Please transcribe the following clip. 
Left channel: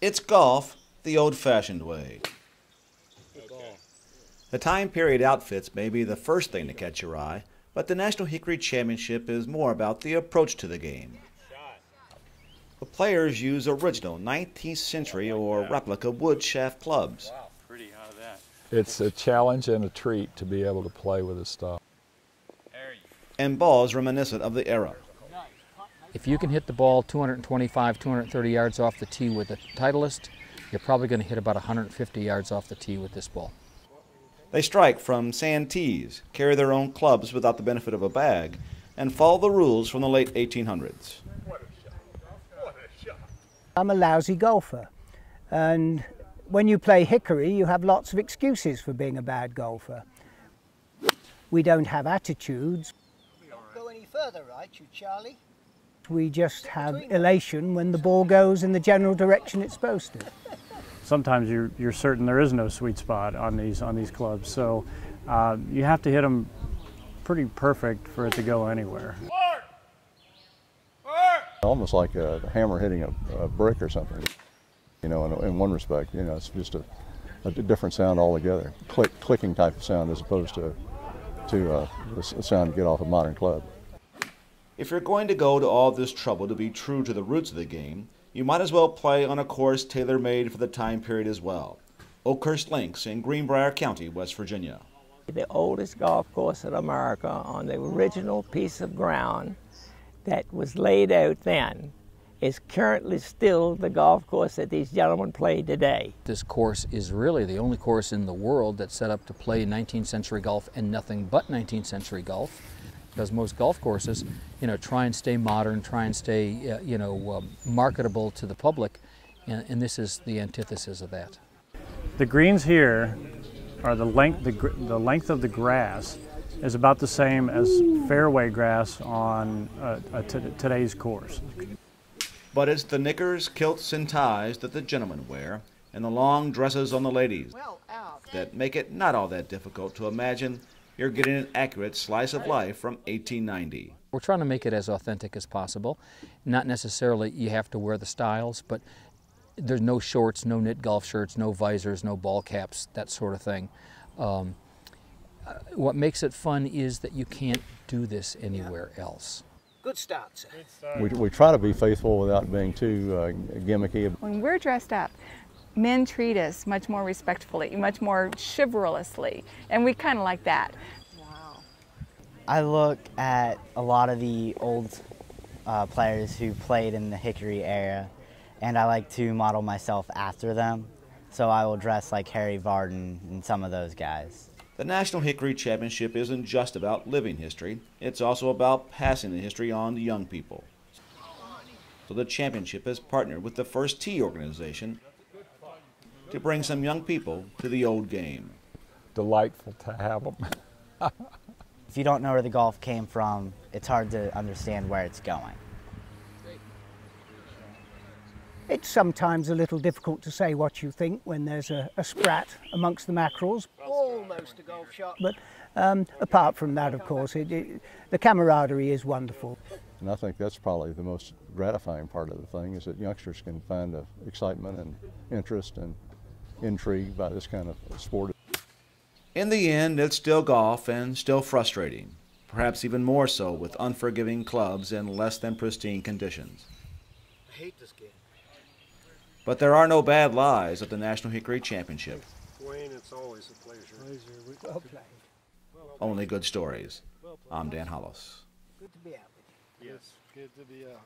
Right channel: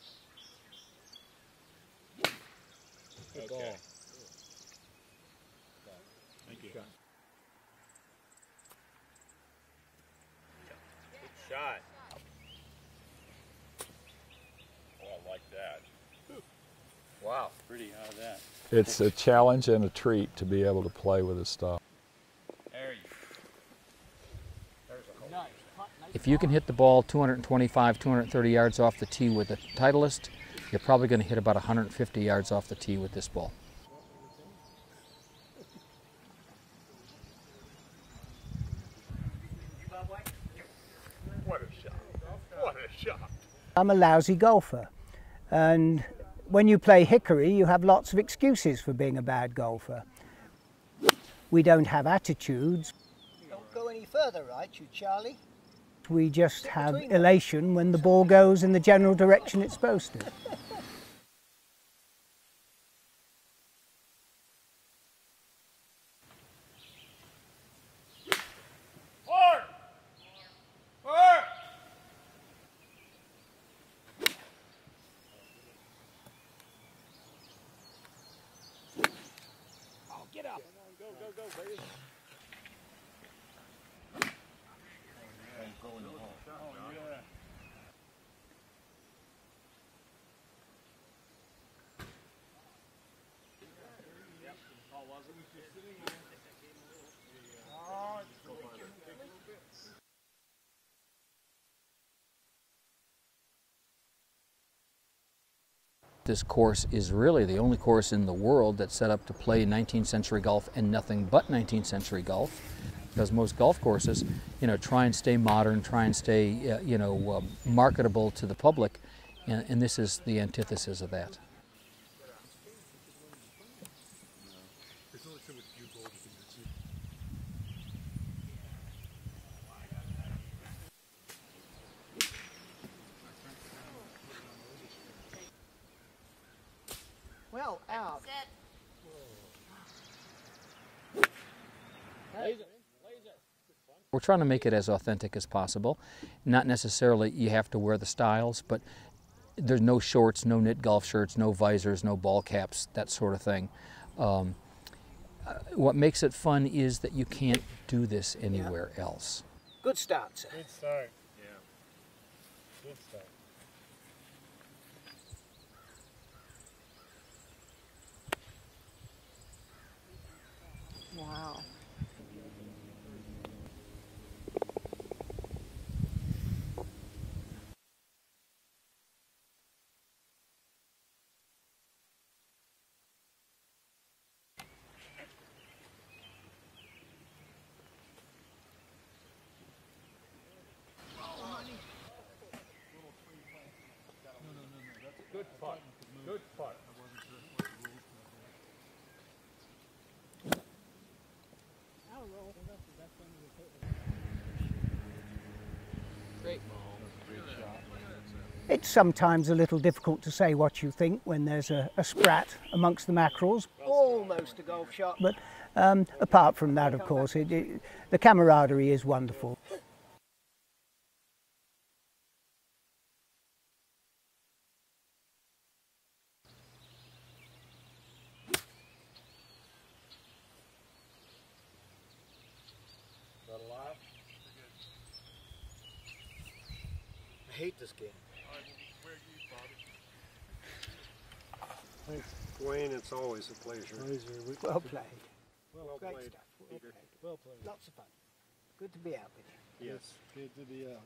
It's golf the old-fashioned way. Okay. The time period outfits may be the first thing to catch your eye, but the National Hickory Championship is more about the approach to the game. The players use original 19th century or replica wood shaft clubs. Wow, pretty out of that. It's a challenge and a treat to be able to play with this stuff. And balls reminiscent of the era. If you can hit the ball 225, 230 yards off the tee with the Titleist, you're probably going to hit about 150 yards off the tee with this ball. They strike from sand tees, carry their own clubs without the benefit of a bag, and follow the rules from the late 1800s. What a shot. What a shot. I'm a lousy golfer, and when you play Hickory, you have lots of excuses for being a bad golfer. We don't have attitudes. Don't go any further, right, you Charlie? We just have elation when the ball goes in the general direction it's supposed to. Sometimes you're certain there is no sweet spot on these clubs, so you have to hit them pretty perfect for it to go anywhere. Almost like a hammer hitting a brick or something. You know, in one respect, you know, it's just a different sound altogether. Clicking type of sound as opposed to a sound you get off a modern club. If you're going to go to all this trouble to be true to the roots of the game, you might as well play on a course tailor-made for the time period as well. Oakhurst Links in Greenbrier County, West Virginia. The oldest golf course in America on the original piece of ground that was laid out then is currently still the golf course that these gentlemen play today. This course is really the only course in the world that's set up to play 19th century golf and nothing but 19th century golf, because most golf courses, you know, try and stay modern, try and stay, marketable to the public, and this is the antithesis of that. The greens here are the length of the grass is about the same as fairway grass on today's course. But it's the knickers, kilts, and ties that the gentlemen wear, and the long dresses on the ladies that make it not all that difficult to imagine you're getting an accurate slice of life from 1890. We're trying to make it as authentic as possible. Not necessarily you have to wear the styles, but there's no shorts, no knit golf shirts, no visors, no ball caps, that sort of thing. What makes it fun is that you can't do this anywhere else. Good start, sir. We try to be faithful without being too gimmicky. When we're dressed up, men treat us much more respectfully, much more chivalrously, and we kind of like that. Wow. I look at a lot of the old players who played in the Hickory era, and I like to model myself after them. So I will dress like Harry Varden and some of those guys. The National Hickory Championship isn't just about living history, it's also about passing the history on to young people. So the championship has partnered with the First Tee organization to bring some young people to the old game. Delightful to have them. If you don't know where the golf came from, it's hard to understand where it's going. It's sometimes a little difficult to say what you think when there's a sprat amongst the mackerels. Almost a golf shot. But apart from that, of course, the camaraderie is wonderful. And I think that's probably the most gratifying part of the thing, is that youngsters can find excitement and interest and intrigue by this kind of sport. In the end, it's still golf and still frustrating, perhaps even more so with unforgiving clubs in less than pristine conditions. I hate this game. But there are no bad lies at the National Hickory Championship. Dwayne, it's always a pleasure. Well played. Only good stories. I'm Dan Hollis. Good to be out with you. Yes, good to be out.